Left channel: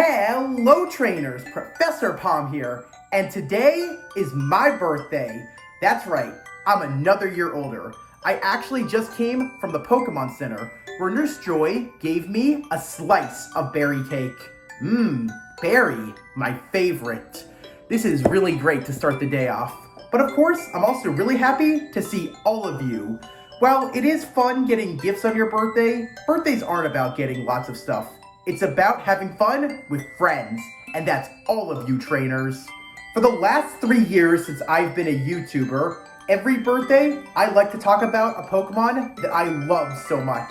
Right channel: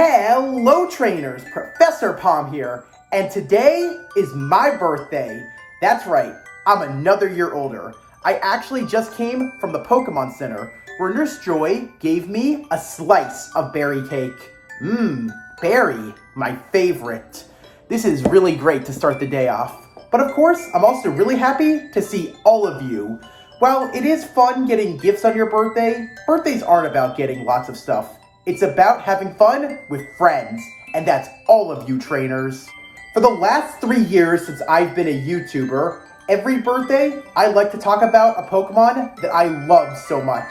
Hello trainers, Professor Palm here, and today is my birthday. That's right, I'm another year older. I actually just came from the Pokemon Center, where Nurse Joy gave me a slice of berry cake. Berry, my favorite. This is really great to start the day off. But of course, I'm also really happy to see all of you. While it is fun getting gifts on your birthday, birthdays aren't about getting lots of stuff. It's about having fun with friends, and that's all of you trainers. For the last 3 years since I've been a YouTuber, every birthday I like to talk about a Pokemon that I love so much.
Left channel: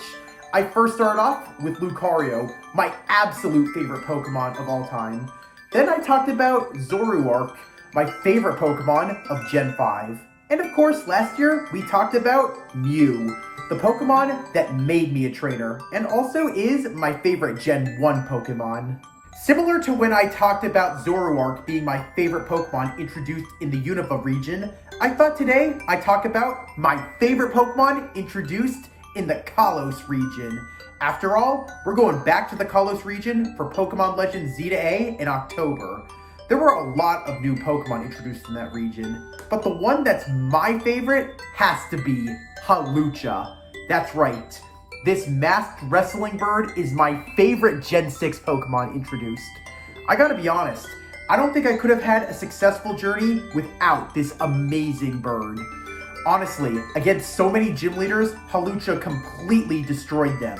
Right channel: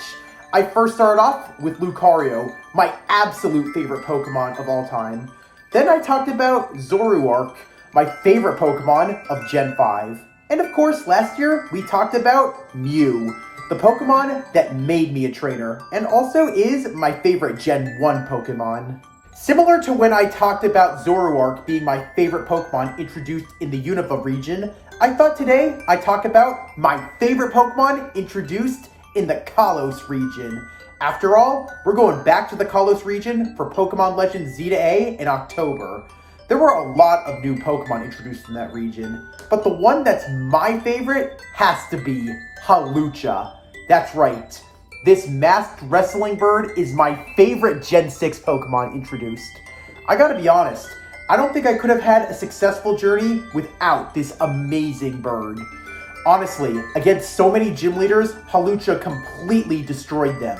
I first started off with Lucario, my absolute favorite Pokemon of all time. Then I talked about Zoroark, my favorite Pokemon of Gen 5. And of course, last year we talked about Mew, the Pokemon that made me a trainer, and also is my favorite Gen 1 Pokemon. Similar to when I talked about Zoroark being my favorite Pokemon introduced in the Unova region, I thought today I'd talk about my favorite Pokemon introduced in the Kalos region. After all, we're going back to the Kalos region for Pokemon Legends Z to A in October. There were a lot of new Pokemon introduced in that region, but the one that's my favorite has to be Hawlucha. That's right, this masked wrestling bird is my favorite Gen 6 Pokemon introduced. I gotta be honest, I don't think I could have had a successful journey without this amazing bird. Honestly, against so many gym leaders, Hawlucha completely destroyed them.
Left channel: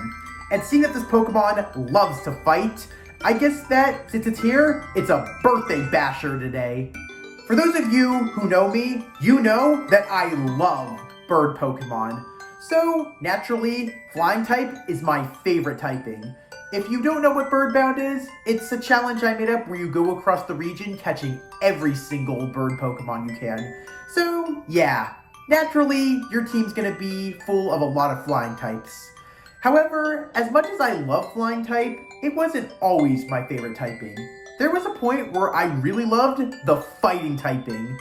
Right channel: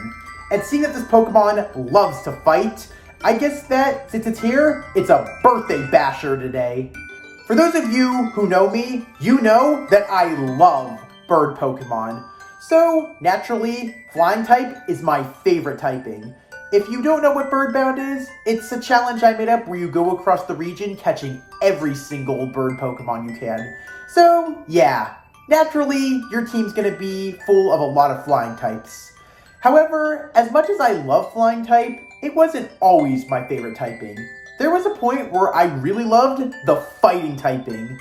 And seeing that this Pokemon loves to fight, I guess that since it's here, it's a birthday basher today. For those of you who know me, you know that I love bird Pokemon. So, naturally, Flying type is my favorite typing. If you don't know what Birdbound is, it's a challenge I made up where you go across the region catching every single bird Pokemon you can. So, yeah, naturally, your team's gonna be full of a lot of Flying types. However, as much as I love Flying type, it wasn't always my favorite typing. There was a point where I really loved the Fighting typing.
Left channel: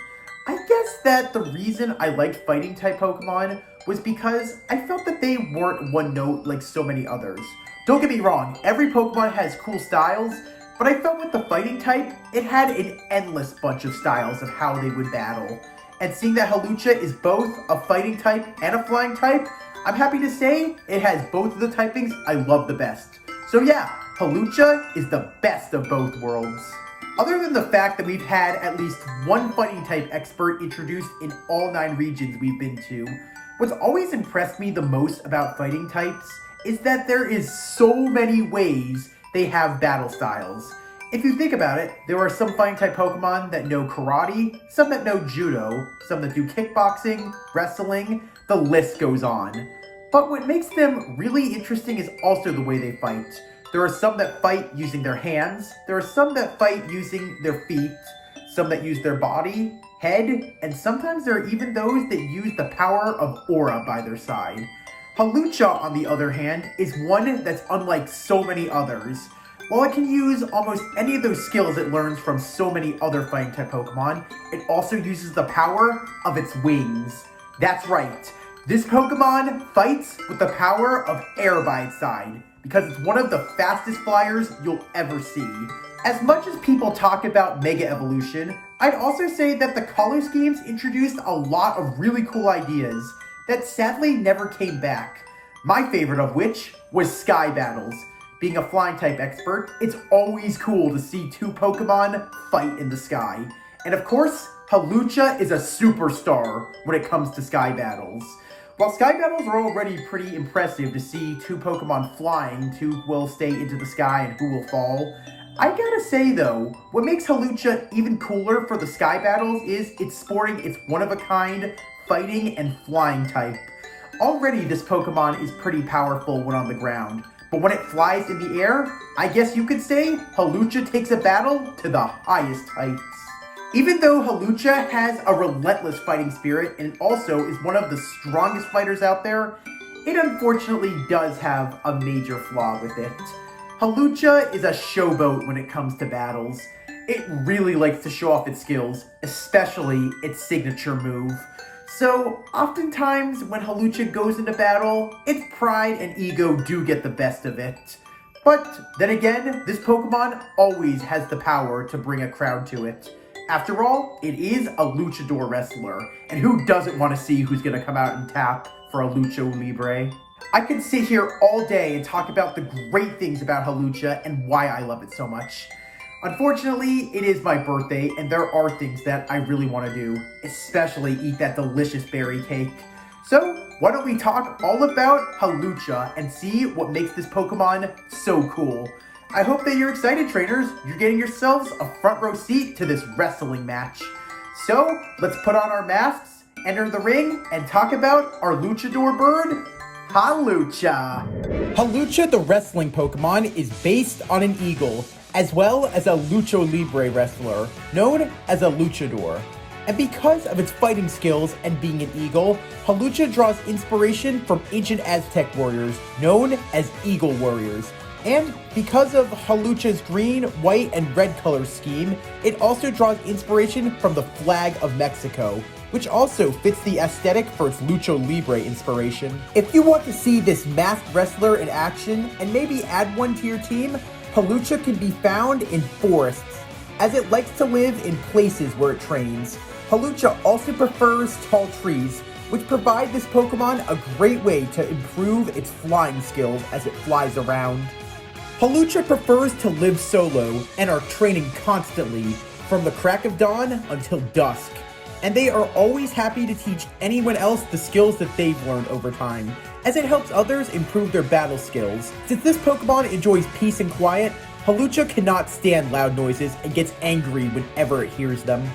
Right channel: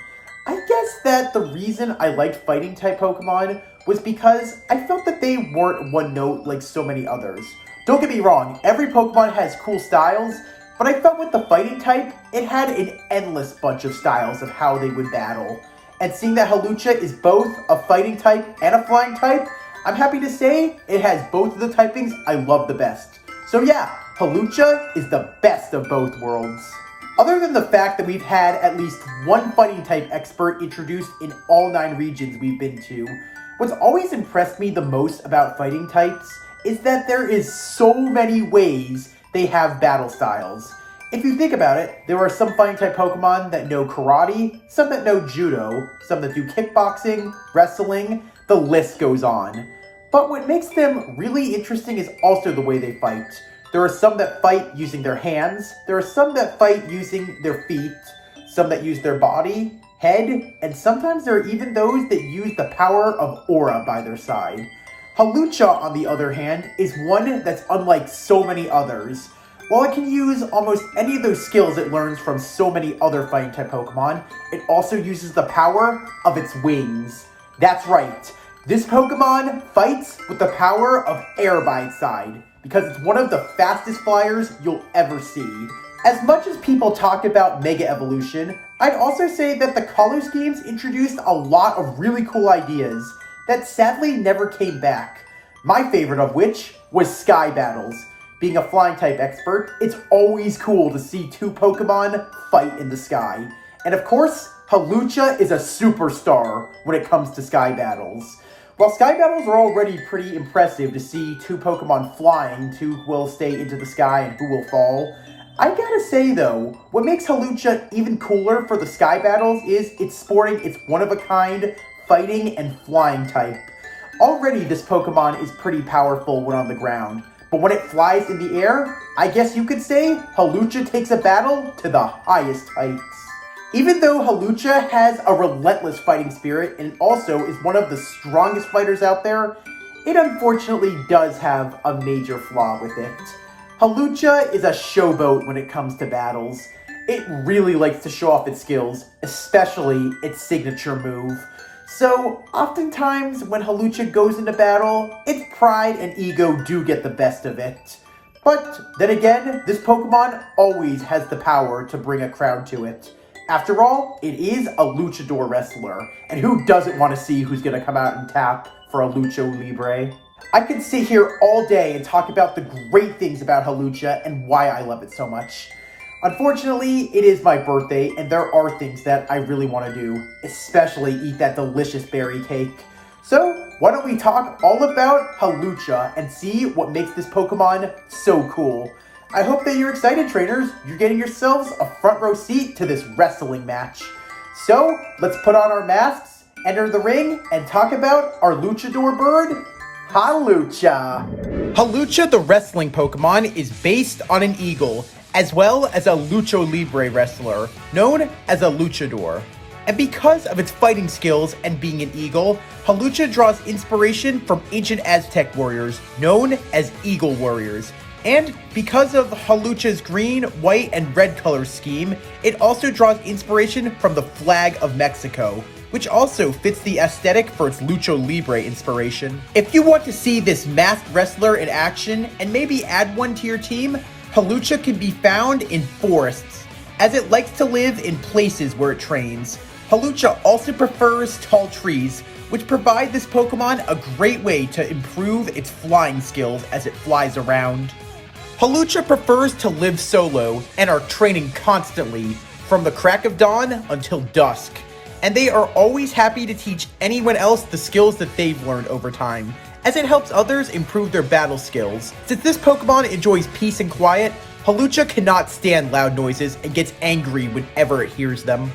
I guess that the reason I liked Fighting type Pokemon was because I felt that they weren't one note like so many others. Don't get me wrong, every Pokemon has cool styles, but I felt with the Fighting type, it had an endless bunch of styles of how they would battle. And seeing that Hawlucha is both a Fighting type and a Flying type, I'm happy to say it has both of the typings I love the best. So yeah, Hawlucha is the best of both worlds. Other than the fact that we've had at least one Fighting type expert introduced in all 9 regions we've been to, what's always impressed me the most about Fighting types is that there is so many ways they have battle styles. If you think about it, there are some Fighting type Pokemon that know Karate, some that know Judo, some that do kickboxing, wrestling, the list goes on. But what makes them really interesting is also the way they fight. There are some that fight using their hands, there are some that fight using their feet, some that use their body, head, and sometimes there are even those that use the power of aura by their side. Hawlucha, on the other hand, is one that's unlike so many others. While it can use almost any of those skills it learns from so many other Fighting type Pokemon, it also uses the power of its wings. That's right, this Pokemon fights with the power of air by its side, because it's one of the fastest flyers you'll ever see. As much as people talk about Mega Evolution, I'd also say that the Kalos games introduced a lot of really cool ideas that sadly never came back. My favorite of which was Sky Battles. Being a Flying type expert, it's always cool to see 2 Pokemon fight in the sky. And of course, Hawlucha is a superstar when it comes to Sky Battles. While Sky Battles are already pretty impressive to see 2 Pokemon flying, 2 who will stay into the sky and who will fall, I gotta say though, what makes Hawlucha even cooler for the Sky Battles is it's sporting its one-of-a-kind fighting and flying type. Already this Pokemon is pretty powerful when on the ground, but when it flies in the air, I guess you could say Hawlucha takes a battle to the highest heights. Even though Hawlucha has a relentless fighting spirit and also is one of the strongest fighters out there, it unfortunately does have a major flaw with it. Hawlucha is a showboat when it comes to battles. It really likes to show off its skills, especially its signature move. So, oftentimes when Hawlucha goes into battle, its pride and ego do get the best of it. But then again, this Pokemon always has the power to bring a crowd to it. After all, it is a luchador wrestler, and who doesn't want to see who's going to come out and tap for a Lucha Libre? I could sit here all day and talk about the great things about Hawlucha and why I love it so much. Unfortunately, it is my birthday, and there are things that I really want to do, especially eat that delicious berry cake. So, why don't we talk all about Hawlucha and see what makes this Pokemon so cool. I hope that you're excited, trainers. You're getting yourselves a front row seat to this wrestling match. So, let's put on our masks, enter the ring, and talk about our luchador bird, Hawlucha. Hawlucha, the wrestling Pokemon, is based on an eagle, as well as a Lucha Libre wrestler, known as a luchador. And because of its fighting skills and being an eagle, Hawlucha draws inspiration from ancient Aztec warriors, known as Eagle Warriors. And because of Hawlucha's green, white, and red color scheme, it also draws inspiration from the flag of Mexico, which also fits the aesthetic for its Lucha Libre inspiration. If you want to see this masked wrestler in action and maybe add one to your team, Hawlucha can be found in forests, as it likes to live in places where it trains. Hawlucha also prefers tall trees, which provide this Pokemon a great way to improve its flying skills as it flies around. Hawlucha prefers to live solo and are training constantly from the crack of dawn until dusk, and they are always happy to teach anyone else the skills that they've learned over time, as it helps others improve their battle skills. Since this Pokemon enjoys peace and quiet, Hawlucha cannot stand loud noises and gets angry whenever it hears them.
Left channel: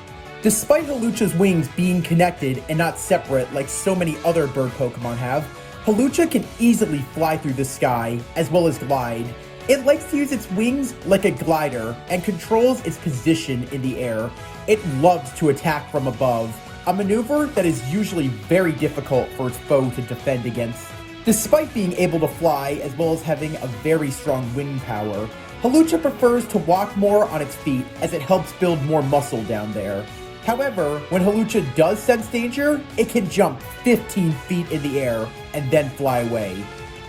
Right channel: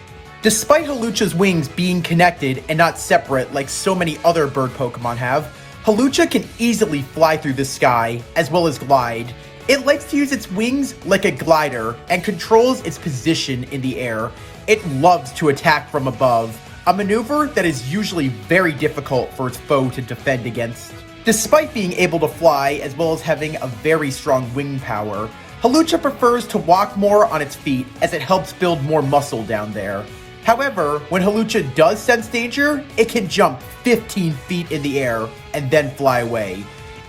Despite Hawlucha's wings being connected and not separate like so many other bird Pokemon have, Hawlucha can easily fly through the sky, as well as glide. It likes to use its wings like a glider and controls its position in the air. It loves to attack from above, a maneuver that is usually very difficult for its foe to defend against. Despite being able to fly, as well as having a very strong wing power, Hawlucha prefers to walk more on its feet as it helps build more muscle down there. However, when Hawlucha does sense danger, it can jump 15 feet in the air and then fly away.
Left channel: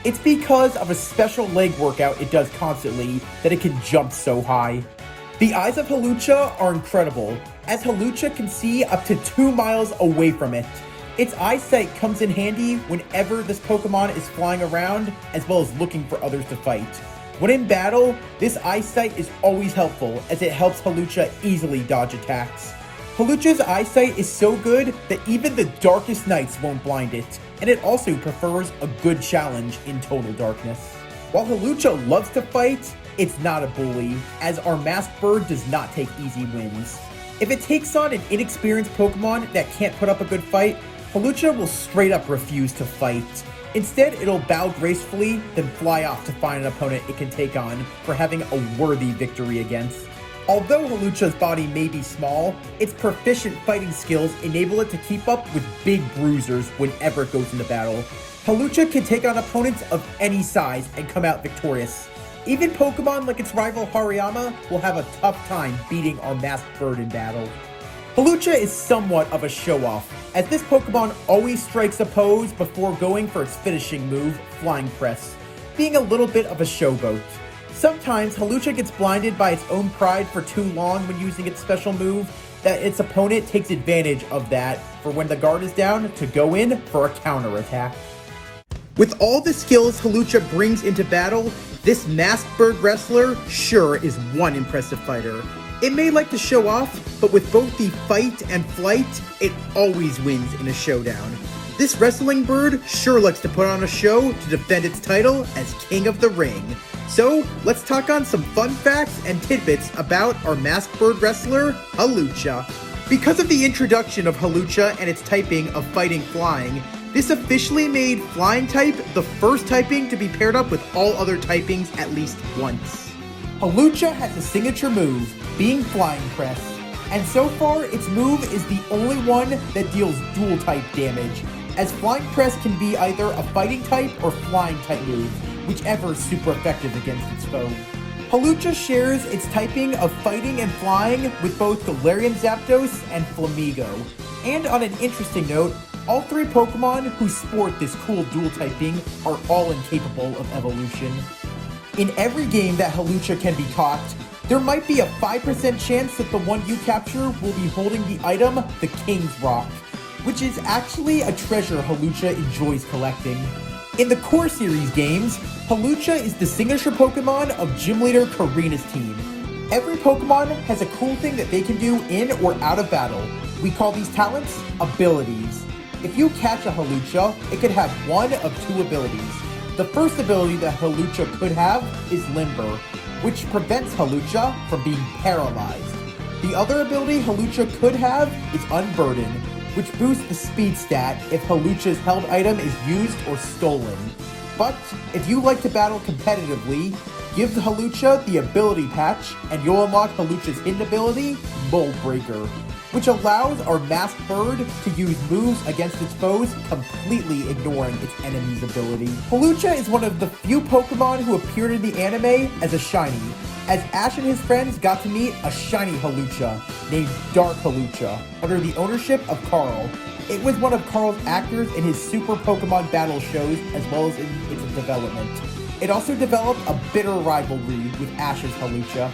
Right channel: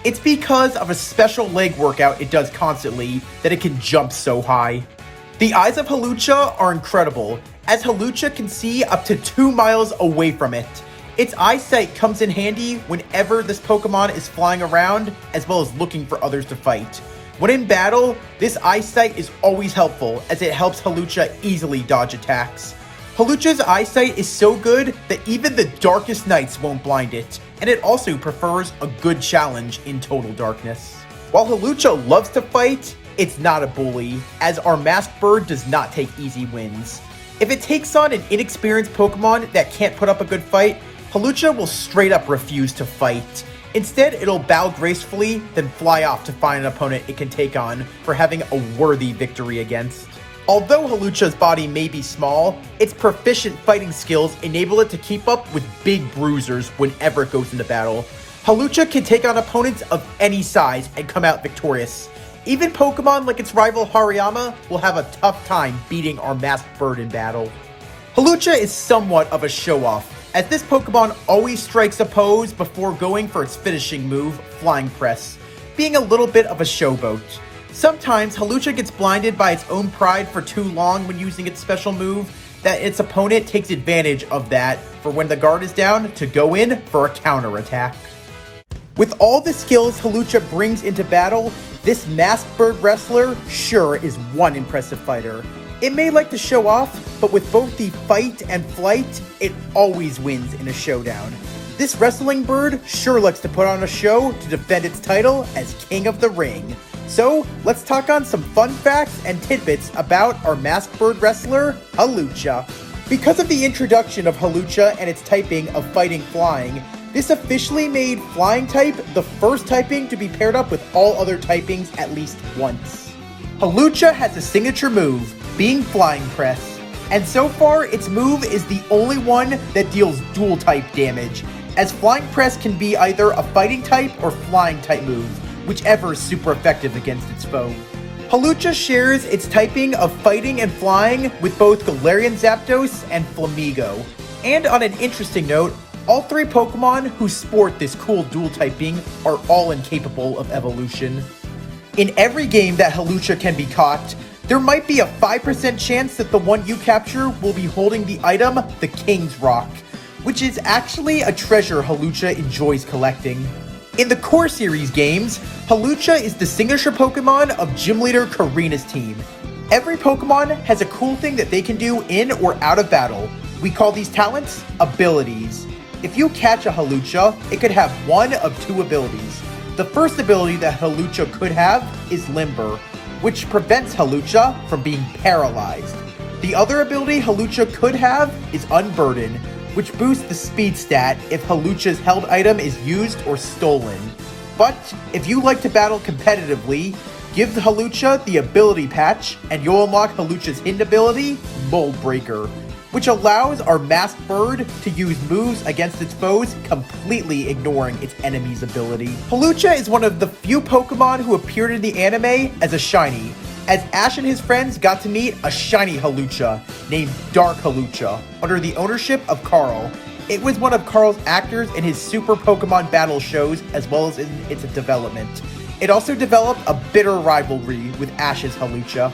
It's because of a special leg workout it does constantly that it can jump so high. The eyes of Hawlucha are incredible, as Hawlucha can see up to 2 miles away from it. Its eyesight comes in handy whenever this Pokemon is flying around, as well as looking for others to fight. When in battle, this eyesight is always helpful, as it helps Hawlucha easily dodge attacks. Hawlucha's eyesight is so good that even the darkest nights won't blind it, and it also prefers a good challenge in total darkness. While Hawlucha loves to fight, it's not a bully, as our masked bird does not take easy wins. If it takes on an inexperienced Pokemon that can't put up a good fight, Hawlucha will straight up refuse to fight. Instead, it'll bow gracefully, then fly off to find an opponent it can take on for having a worthy victory against. Although Hawlucha's body may be small, its proficient fighting skills enable it to keep up with big bruisers whenever it goes into battle. Hawlucha can take on opponents of any size and come out victorious. Even Pokemon like its rival Hariyama will have a tough time beating our masked bird in battle. Hawlucha is somewhat of a show-off, as this Pokemon always strikes a pose before going for its finishing move, Flying Press, being a little bit of a showboat. Sometimes Hawlucha gets blinded by its own pride for too long when using its special move, that its opponent takes advantage of that for when the guard is down to go in for a counterattack. With all the skills Hawlucha brings into battle, this masked bird wrestler sure is one impressive fighter. It may like to show off, but with both the fight and flight, it always wins in a showdown. This wrestling bird sure likes to put on a show to defend its title as King of the Ring. So, let's talk on some fun facts and tidbits about our masked bird wrestler, Hawlucha. Because of the introduction of Hawlucha and its typing of fighting flying, this officially made flying type the first typing to be paired up with all other typings at least once. Hawlucha has a signature move, being Flying Press, and so far its move is the only one that deals dual type damage, as Flying Press can be either a fighting type or flying type move, whichever is super effective against its foe. Hawlucha shares its typing of fighting and flying with both Galarian Zapdos and Flamigo. And on an interesting note, all 3 Pokemon who sport this cool dual typing are all incapable of evolution. In every game that Hawlucha can be caught, there might be a 5% chance that the one you capture will be holding the item, the King's Rock, which is actually a treasure Hawlucha enjoys collecting. In the core series games, Hawlucha is the signature Pokemon of Gym Leader Karina's team. Every Pokemon has a cool thing that they can do in or out of battle. We call these talents abilities. If you catch a Hawlucha, it could have one of two abilities. The first ability that Hawlucha could have is Limber, which prevents Hawlucha from being paralyzed. The other ability Hawlucha could have is Unburden, which boosts the speed stat if Hawlucha's held item is used or stolen. But if you like to battle competitively, give the Hawlucha the ability patch and you'll unlock Hawlucha's hidden ability, Mold Breaker, which allows our masked bird to use moves against its foes, completely ignoring its enemy's ability. Hawlucha is one of the few Pokemon who appeared in the anime as a shiny, as Ash and his friends got to meet a shiny Hawlucha named Dark Hawlucha under the ownership of Carl. It was one of Carl's actors in his Super Pokemon Battle shows as well as in its development. It also developed a bitter rivalry with Ash's Hawlucha.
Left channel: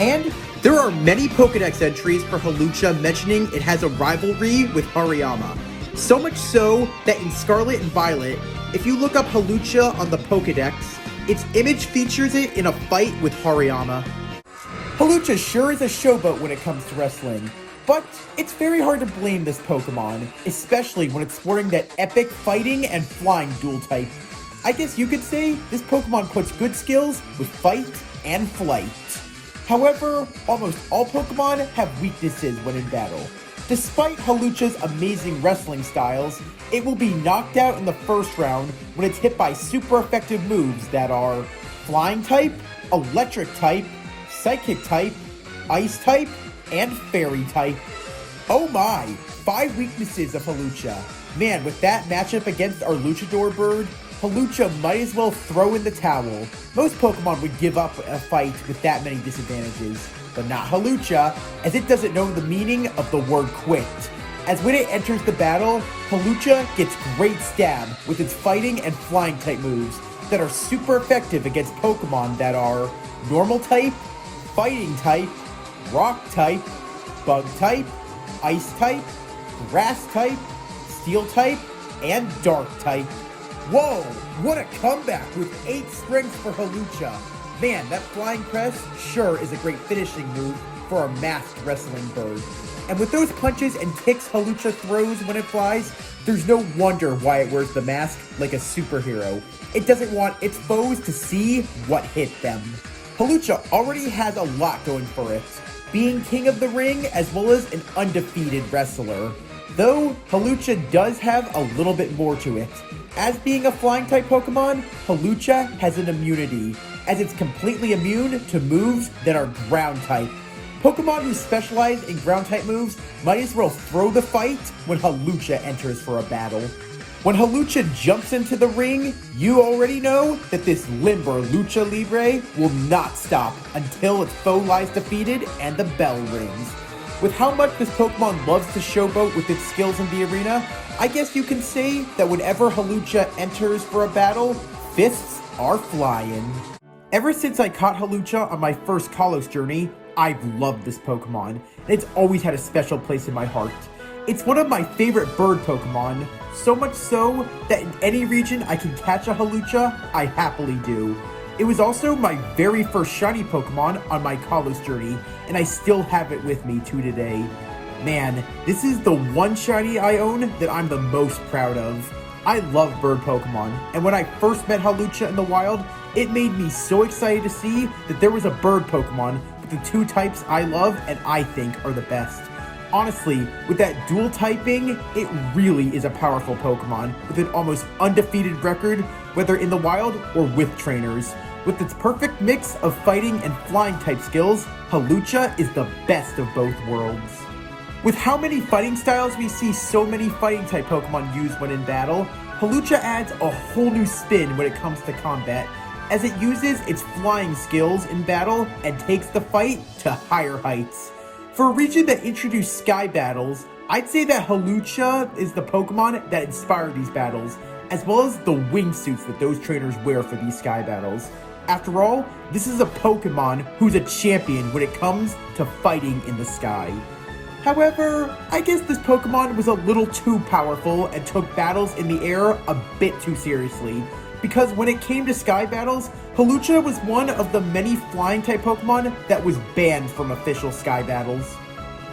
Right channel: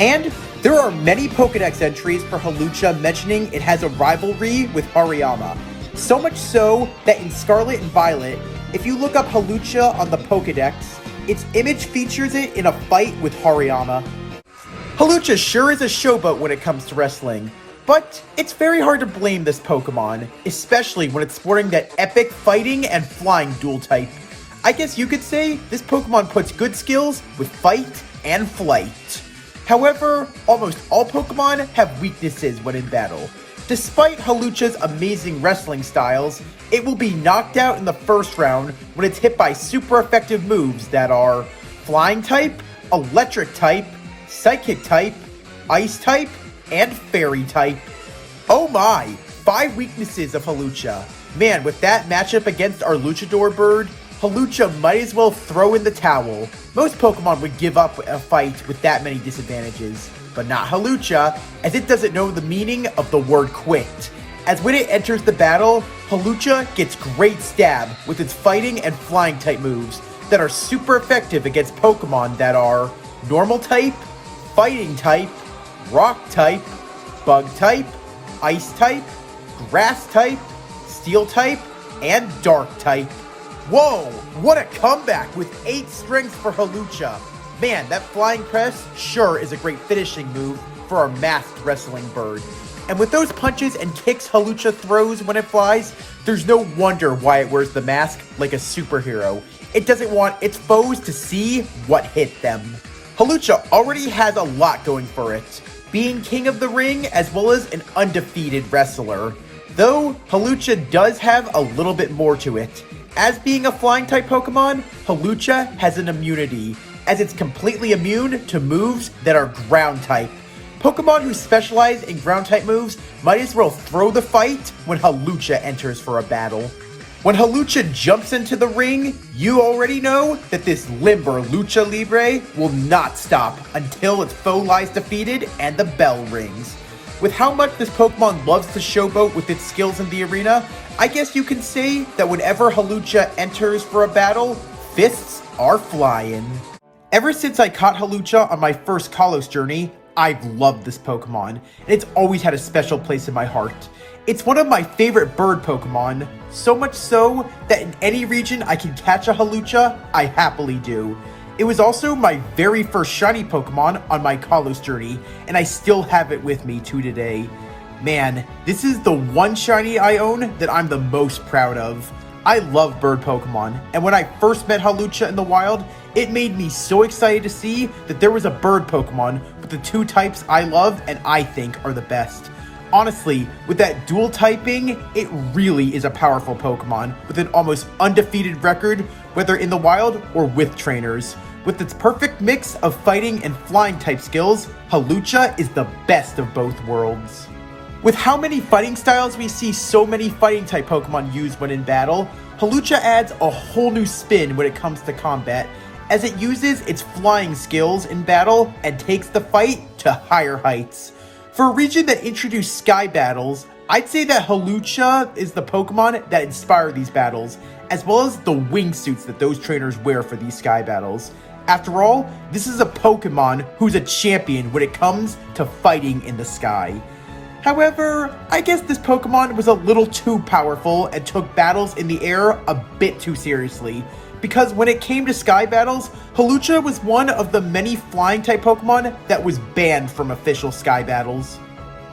And there are many Pokedex entries for Hawlucha mentioning it has a rivalry with Hariyama. So much so that in Scarlet and Violet, if you look up Hawlucha on the Pokedex, its image features it in a fight with Hariyama. Hawlucha sure is a showboat when it comes to wrestling, but it's very hard to blame this Pokemon, especially when it's sporting that epic fighting and flying dual type. I guess you could say this Pokemon puts good skills with fight and flight. However, almost all Pokemon have weaknesses when in battle. Despite Hawlucha's amazing wrestling styles, it will be knocked out in the first round when it's hit by super effective moves that are Flying type, Electric type, Psychic type, Ice type, and Fairy type. Oh my, 5 weaknesses of Hawlucha. Man, with that matchup against our Luchador bird, Hawlucha might as well throw in the towel. Most Pokemon would give up a fight with that many disadvantages, but not Hawlucha, as it doesn't know the meaning of the word quit. As when it enters the battle, Hawlucha gets great stab with its fighting and flying type moves that are super effective against Pokemon that are normal type, fighting type, rock type, bug type, ice type, grass type, steel type, and dark type. Whoa, what a comeback with 8 strengths for Hawlucha. Man, that flying press sure is a great finishing move for our masked wrestling bird. And with those punches and kicks Hawlucha throws when it flies, there's no wonder why it wears the mask like a superhero. It doesn't want its foes to see what hit them. Hawlucha already has a lot going for it, being king of the ring as well as an undefeated wrestler. Though, Hawlucha does have a little bit more to it. As being a flying type Pokemon, Hawlucha has an immunity, as it's completely immune to moves that are ground type. Pokemon who specialize in ground type moves might as well throw the fight when Hawlucha enters for a battle. When Hawlucha jumps into the ring, you already know that this limber Lucha Libre will not stop until its foe lies defeated and the bell rings. With how much this Pokemon loves to showboat with its skills in the arena, I guess you can say that whenever Hawlucha enters for a battle, fists are flying. Ever since I caught Hawlucha on my first Kalos journey, I've loved this Pokemon, and it's always had a special place in my heart. It's one of my favorite bird Pokemon, so much so that in any region I can catch a Hawlucha, I happily do. It was also my very first shiny Pokemon on my Kalos journey, and I still have it with me to today. Man, this is the one shiny I own that I'm the most proud of. I love bird Pokemon, and when I first met Hawlucha in the wild, it made me so excited to see that there was a bird Pokemon with the 2 types I love and I think are the best. Honestly, with that dual typing, it really is a powerful Pokemon with an almost undefeated record, whether in the wild or with trainers. With its perfect mix of fighting and flying type skills, Hawlucha is the best of both worlds. With how many fighting styles we see so many fighting type Pokemon use when in battle, Hawlucha adds a whole new spin when it comes to combat, as it uses its flying skills in battle and takes the fight to higher heights. For a region that introduced sky battles, I'd say that Hawlucha is the Pokemon that inspired these battles, as well as the wingsuits that those trainers wear for these sky battles. After all, this is a Pokemon who's a champion when it comes to fighting in the sky. However, I guess this Pokemon was a little too powerful and took battles in the air a bit too seriously, because when it came to sky battles, Hawlucha was one of the many flying type Pokemon that was banned from official sky battles.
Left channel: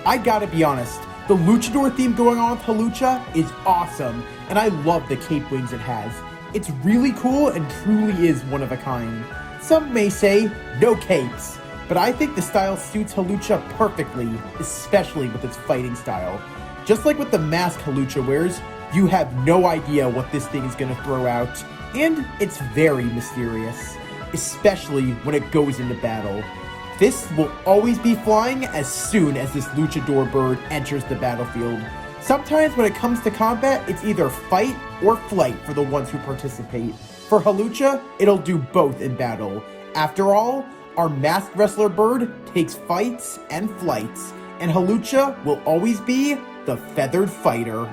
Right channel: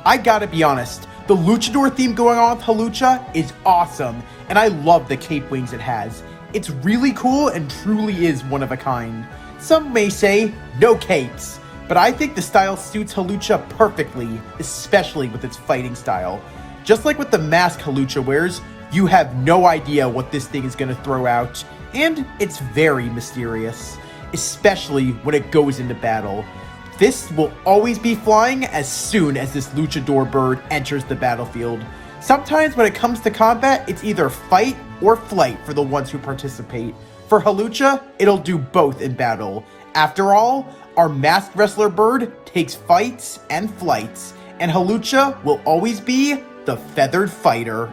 I gotta be honest, the Luchador theme going on with Hawlucha is awesome, and I love the cape wings it has. It's really cool and truly is one of a kind. Some may say, no capes, but I think the style suits Hawlucha perfectly, especially with its fighting style. Just like with the mask Hawlucha wears, you have no idea what this thing is going to throw out, and it's very mysterious, especially when it goes into battle. This will always be flying as soon as this Luchador bird enters the battlefield. Sometimes when it comes to combat, it's either fight or flight for the ones who participate. For Hawlucha, it'll do both in battle. After all, our masked wrestler bird takes fights and flights, and Hawlucha will always be the feathered fighter.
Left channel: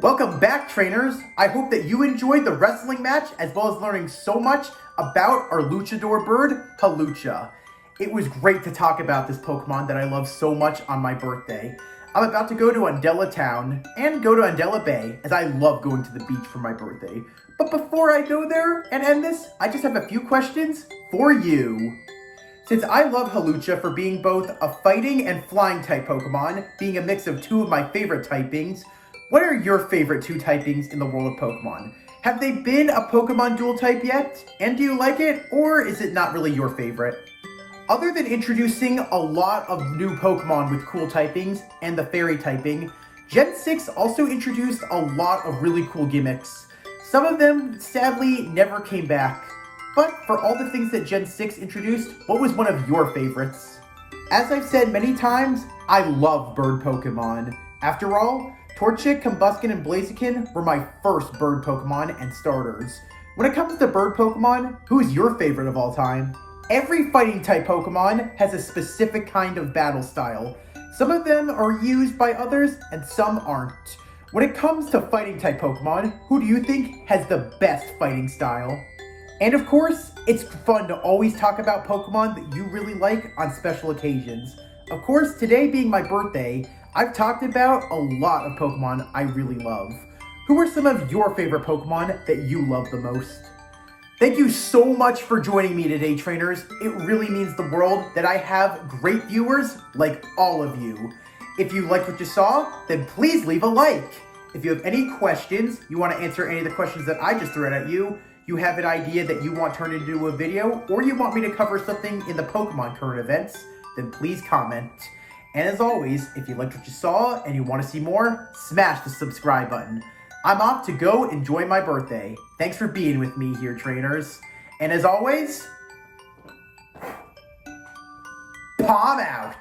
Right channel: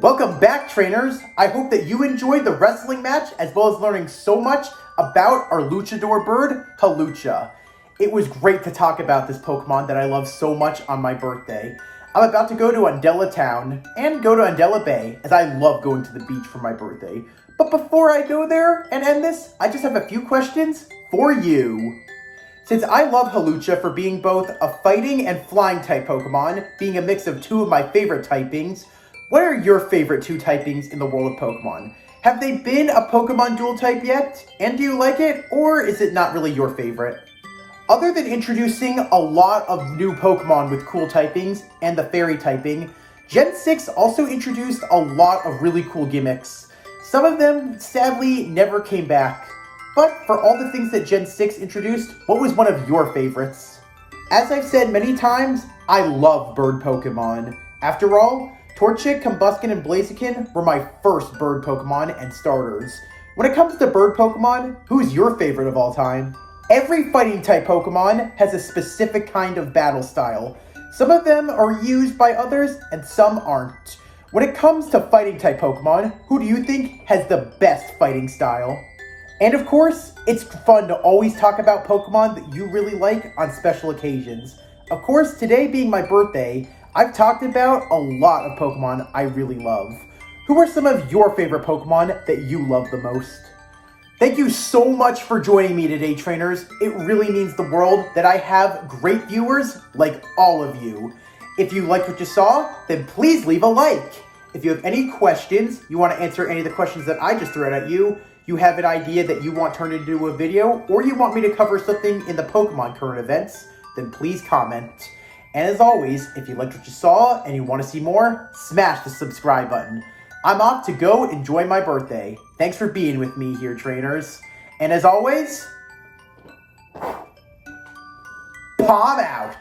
Welcome back, trainers. I hope that you enjoyed the wrestling match as well as learning so much about our Luchador bird, Hawlucha. It was great to talk about this Pokemon that I love so much on my birthday. I'm about to go to Undella Town and go to Undella Bay, as I love going to the beach for my birthday. But before I go there and end this, I just have a few questions for you. Since I love Hawlucha for being both a fighting and flying type Pokemon, being a mix of two of my favorite typings, what are your favorite two typings in the world of Pokemon? Have they been a Pokemon dual type yet? And do you like it, or is it not really your favorite? Other than introducing a lot of new Pokemon with cool typings and the fairy typing, Gen 6 also introduced a lot of really cool gimmicks. Some of them, sadly, never came back. But for all the things that Gen 6 introduced, what was one of your favorites? As I've said many times, I love bird Pokemon. After all, Torchic, Combuskin, and Blaziken were my first bird Pokemon and starters. When it comes to bird Pokemon, who's your favorite of all time? Every fighting type Pokemon has a specific kind of battle style. Some of them are used by others and some aren't. When it comes to fighting type Pokemon, who do you think has the best fighting style? And of course, it's fun to always talk about Pokemon that you really like on special occasions. Of course, today being my birthday, I've talked about a lot of Pokemon I really love. Who are some of your favorite Pokemon that you love the most? Thank you so much for joining me today, trainers. It really means the world that I have great viewers like all of you. If you liked what you saw, then please leave a like. If you have any questions, you want to answer any of the questions that I just threw out at you, you have an idea that you want turned into a video, or you want me to cover something in the Pokemon current events, then please comment. And as always, if you liked what you saw and you want to see more, smash the subscribe button. I'm off to go enjoy my birthday. Thanks for being with me here, trainers. And as always, Palm out!